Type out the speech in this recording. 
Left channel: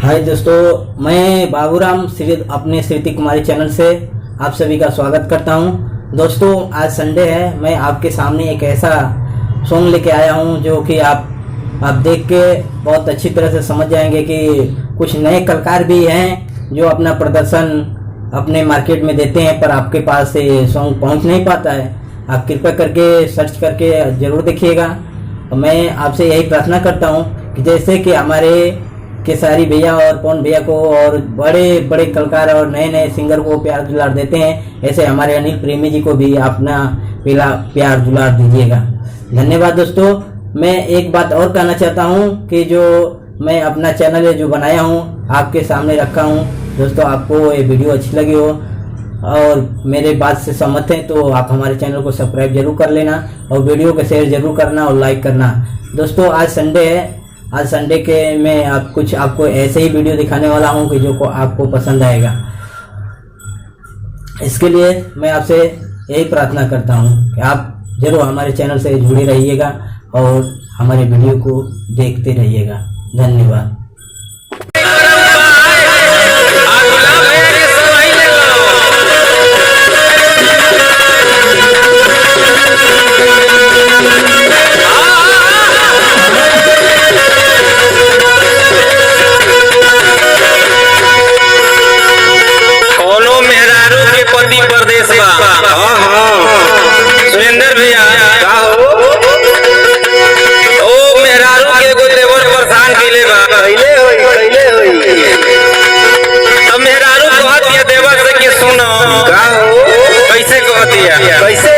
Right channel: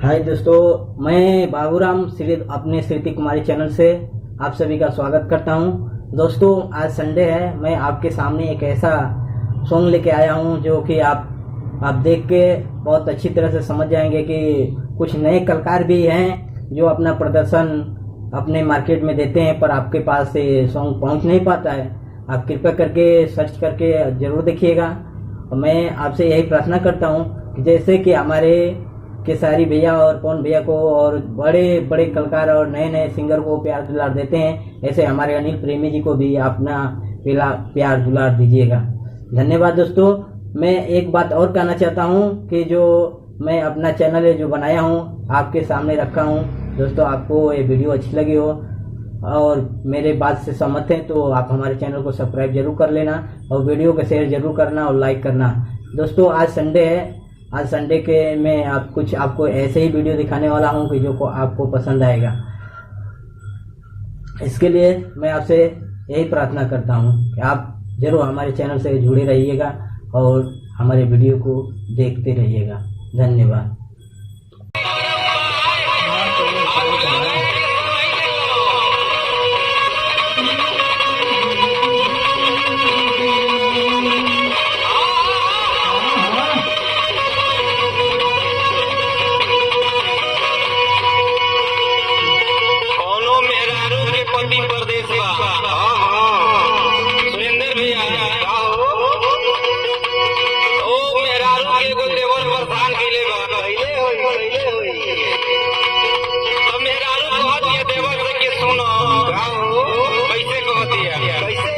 हाय दोस्तों, मैं बाबूराम अपने श्रुति कुमारी चैनल से आप सभी का स्वागत करता हूं। दोस्तों, आज संडे है। मैं आपके सामने एक ऐसा सॉन्ग लेके आया हूं जो कि आप देख के बहुत अच्छी तरह से समझ जाएंगे कि कुछ नए कलाकार भी हैं जो अपना प्रदर्शन अपने मार्केट में देते हैं, पर आपके पास ये सॉन्ग पहुंच नहीं पाता है। आप कृपया करके सर्च करके ज़रूर देखिएगा। मैं आपसे यही प्रार्थना करता हूं कि जैसे कि हमारे केसारी भैया और पवन भैया को और बड़े बड़े कलाकार और नए नए सिंगर को प्यार दुलार देते हैं, ऐसे हमारे अनिल प्रेमी जी को भी अपना प्यार दुलार दीजिएगा। धन्यवाद दोस्तों। मैं एक बात और कहना चाहता हूं कि जो मैं अपना चैनल है जो बनाया हूं आपके सामने रखा हूं। दोस्तों, आपको ये वीडियो अच्छी लगी हो और मेरे बात से सहमत हैं तो आप हमारे चैनल को सब्सक्राइब जरूर कर लेना और वीडियो को शेयर जरूर करना और लाइक करना। दोस्तों, आज संडे है। आज संडे के मैं आपको ऐसे ही वीडियो दिखाने वाला हूं कि जो को आपको पसंद आएगा। इसके लिए मैं आपसे यही प्रार्थना करता हूं कि आप जरूर हमारे चैनल से जुड़े रहिएगा और हमारे वीडियो को देखते रहिएगा। धन्यवाद। प्रदेश सुरेंद्र भैया ओ मेहरारू के कोई देवर परेशान कैले बा अब मेहरारू कहत दिया देवर से कि सुनो कैसे कहत दिया कैसे